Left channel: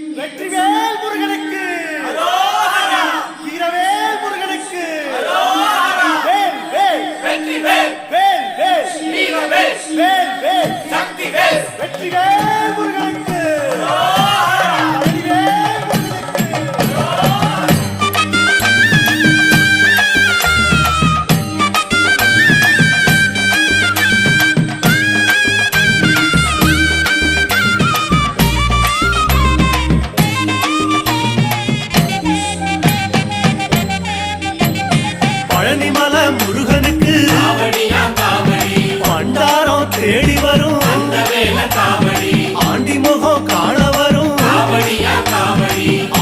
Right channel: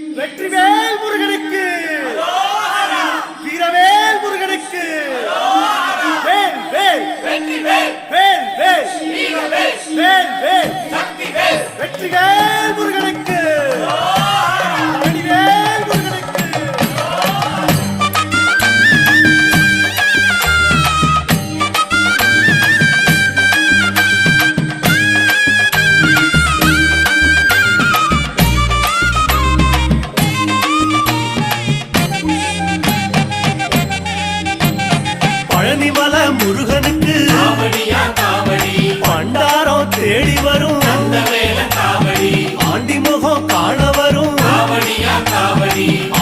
வெற்றிவேல் முருகனுக்கு, வீரவேல் முருகனுக்கு, வேல் வேல் வேல் வேல் வேல் வேல் வெற்றிவேல் முருகனுக்கு, தனிவேல் முருகனுக்கு. பழனிமல முருகனுக்கு பண்டாரம் தேடி வரும், ஆண்டி முகம் காண வரும்,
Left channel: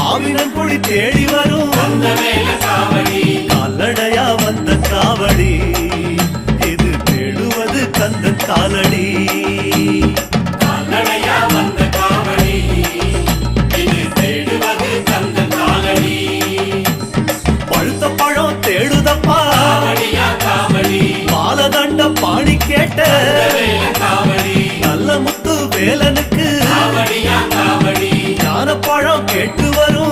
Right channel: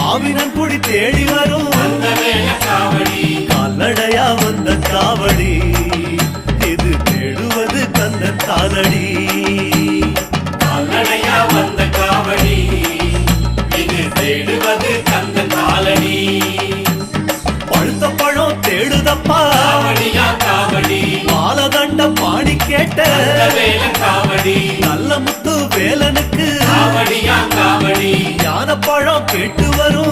ஆவினன் பொடி தேடி வரும், கால்நடையா வந்த காவடி இது தேடுவது கந்தன் காலடி. பழுத்த பழம் தேடுதப்பா, பாலதண்ட பாணி கேட்ட நல்ல முத்து வேலனுக்கு, ஞான பழம் கேட்டு வரும்,